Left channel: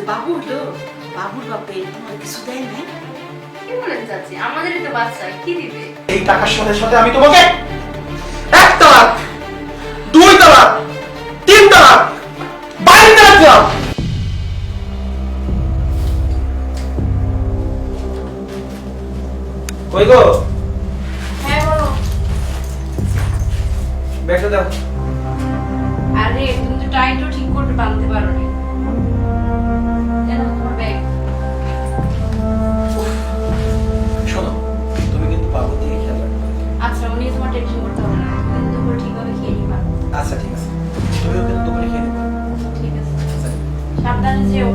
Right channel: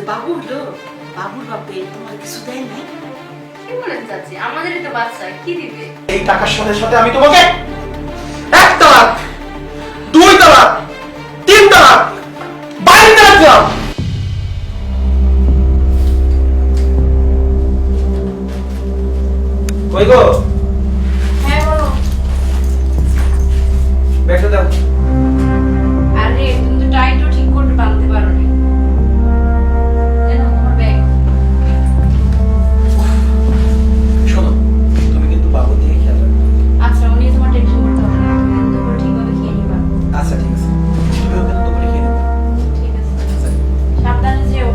যে বাবু হলো, বাবুর বাপে তোমার কিছু দেয় নাই? কি বলেন চাচি, আমাদেরই তো বাচ্চা, কি দিবে? এই টাকার সাথে সাথে আমি তোমাকে 1 তালাক, 2 তালাক, 3 তালাক, 22 তালাক দিলাম। কই গো? হ্যাঁ বলো। ব্যাগটা দাও। আরে তুমি তো টাইটও ঠিক করে বাঁধতে পারো না। এনো তোমার ব্যাগ। শোনো, তুমি কিন্তু বাবুর দিকে খেয়াল রাখবে। আচ্ছা, উনি তোমার টেনশন করতে হবে না, তুমি কিন্তু দুপুরে ঠিকভাবে খেয়ে নিবা। আচ্ছা ঠিক আছে, তুমিও কিন্তু দুপুরে খেয়ে নেবে। ঠিক আছে, আচ্ছা। সাবধানে যেও।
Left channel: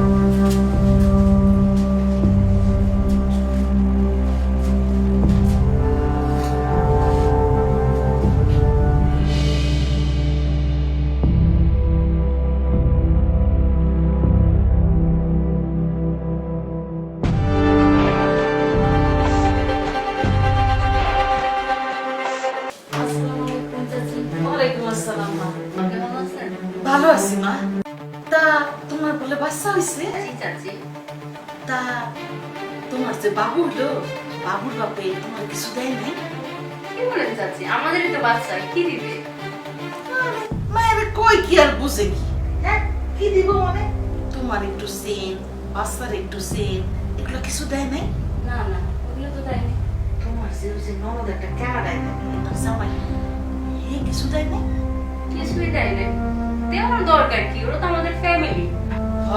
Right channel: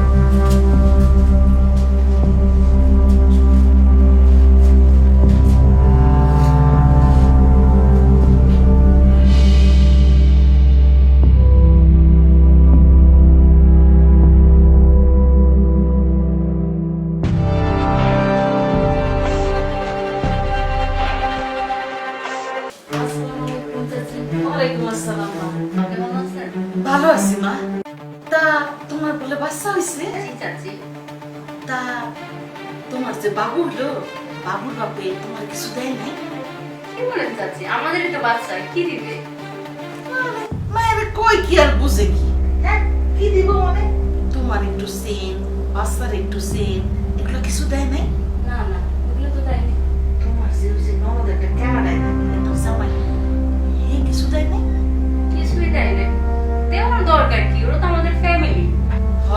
ওয়ালাইকুম আসসালাম মা। কেমন আছেন? ভালো আছি মা। তা তোমার বলে বাচ্চা হয়েছে? জি চাচি। তা তোমার যে বাবু হলো, বাবুর বাপে তোমার কিছু দেয় নাই? কি বলেন চাচি, আমাদেরই তো বাচ্চা, কি দিবে? আরে মায়ের কই কি আর বুঝে কি? হ্যাঁ, কি দিব মানে? তোমার একটু সেন, বাচ্চার একটু সেন, এগুলো কিছু দেয় নাই? না না, ওগুলো তো দেয়নি। তোমার যে ওই যে ননদ একটা ক্যানাডায় থাকে, তোমার জামাই, হে কিছু দেয় নাই? কিছুই দেয় না। দেওয়ার দরকার কি, ওরা তো আমাদের ফ্যামিলি। হ,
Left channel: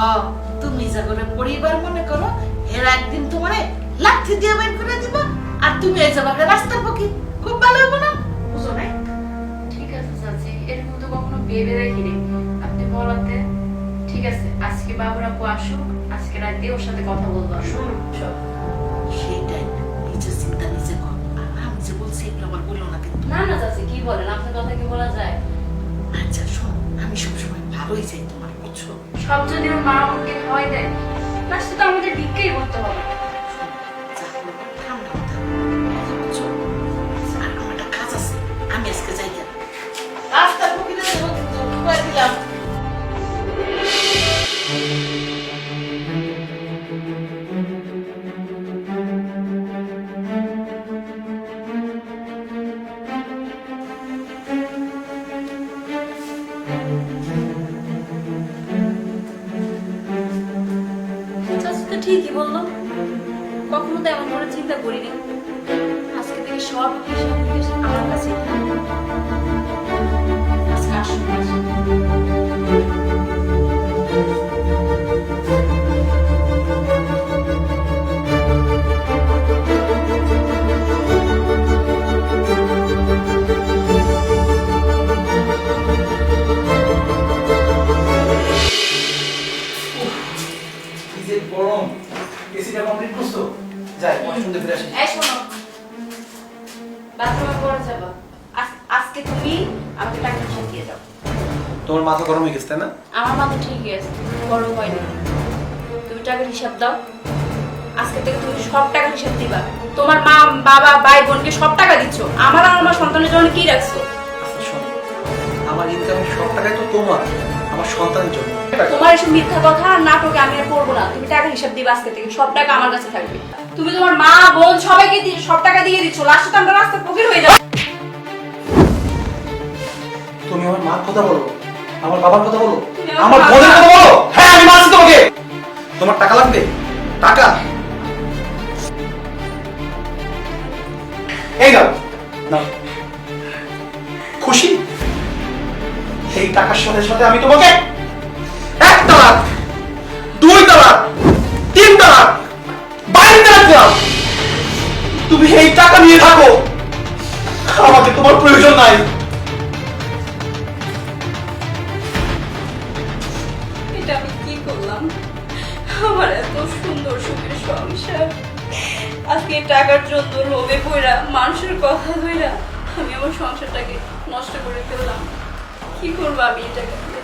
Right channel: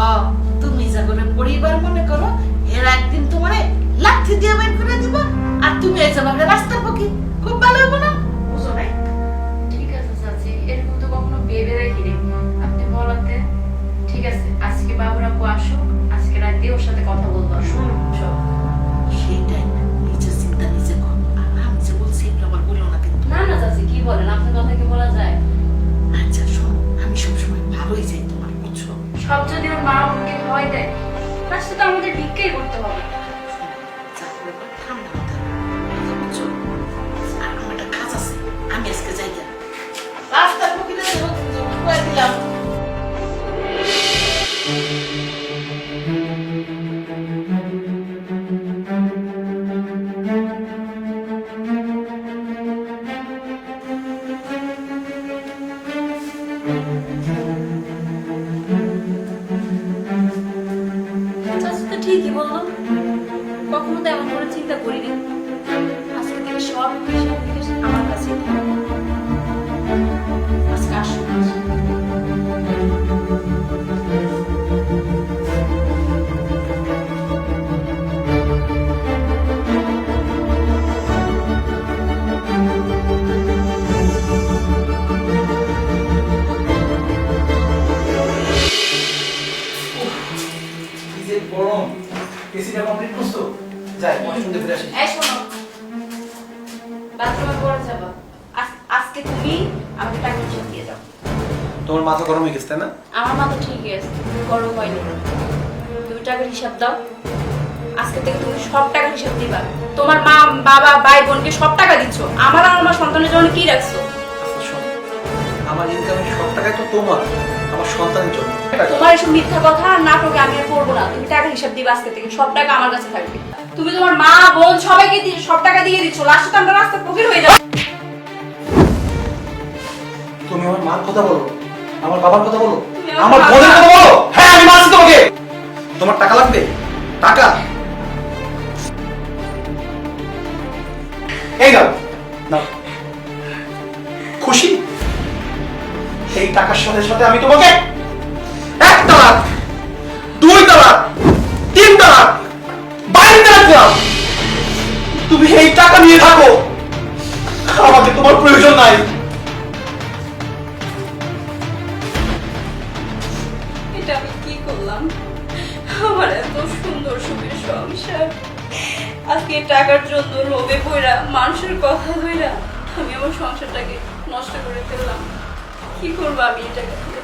তুমি যা করে পরিবার মনে করো, এর একদিন তোমারে লাঠি দিয়ে বের করে দিবা, আর তুমি এই যাবে রাস্তার পক্ষে, খুব ভালো হবে না? বুঝো নাই? ঠিক আছে চাচি, এরকম তো কখনো ভেবে দেখিনি আপনি বলাতে। ঠিক আছে, আজকে বাবুর আপু আসুক, আজকে রাতে ওর সাথে কথা বলবো। শোনো, সব সেইটাই, নিজের চিন্তা নিজে কর। আর আমি যে বলছি এগুলো আবার বললো না কিন্তু। না না চাচি, কি বলেন, আপনার কথা কি বলা যায়? আচ্ছা শোনো, আমি সবসময় ভালোই চাই তোমার, বুঝছো? সব যদি ওর মা বোনকে খাওয়াই দেয়, লাস্টে তো আমাদের ভিক্ষাই করতে হবে। শোনো, যা করবো ঠান্ডা মাথায়, কথা বুঝছো? আর আমার একটা কাজ আছে, আমি আজকে যাই কেন রাস্তার পক্ষে দেবো কিন্তু কয়ে দিলাম। চাচি তো ঠিকই বললো, কখনো তো এমন করে চিন্তা করিনি। আজকে থেকে সব হিসাব নিকেশ আমার কাছেই থাকবে। আজকে আসুন আসুন। কি যে গরম, এসিটা কমপ্লিট করছো? যাই, ওয়াশরুম থেকে ফিরে আসি। এই শোনো, বাথরুমে পড়ে যাবা। আজকে তুমি আমাকে টাকা হিসাব দিয়ে যাও। তোমার মাথা গরম হয়ে গেছে তাই না? আমার মাথা ঠিকই আছে, গরম হয়নি। তুমি টাকার হিসাব দাও। আজকে থেকে তুমি সব টাকার হিসাব দিবা। তোমার মা বাবা ভাই বোনকে সব টাকা দিচ্ছ, আমার আর আমার সন্তানের জন্য কি রাখছো? আচ্ছা শোনো, আমার ইনকামের সব টাকাই তো তোমার, আমার সন্তানের জন্য। তোমার এসব মিথ্যা কথা আর নাটকে আমি আর পড়বো না। তুমি টাকার হিসাব দিবা, আজকে থেকে সব টাকা আমার কাছে থাকবে। তুমি তোমার মা বোন সবাইকে সব টাকা দিয়ে দিচ্ছ, লাস্টে তো আমরা রাস্তার ফকির হয়ে যাবো। তুমি আমার মার কথা বলো, আমার বাবার কথা বলো, তুমি আমার আমার বোনের বাবা- কথা বলো। হ্যাঁ আমি মানছি তোমাকে। তোমার টাকা লাগবে? টাকা এই নাও, নাও। খুশি? এই টাকার সাথে সাথে আমি তোমাকে 1 তালাক, 2 তালাক, 3 তালাক, 22 তালাক দিলাম। তুমি এই টাকা নিয়ে থাকো, আমাকে তোমার প্রয়োজন নাই। এটা আমি কি করলাম? আমার এত সুন্দর সুখের সংসার আজকে টাকার জন্য লোভে পড়া মানুষের কথা ধইরা আমি আমার সংসারটাকে নষ্ট করে ফেললাম। কি করবো আমি এই টাকা দিয়ে?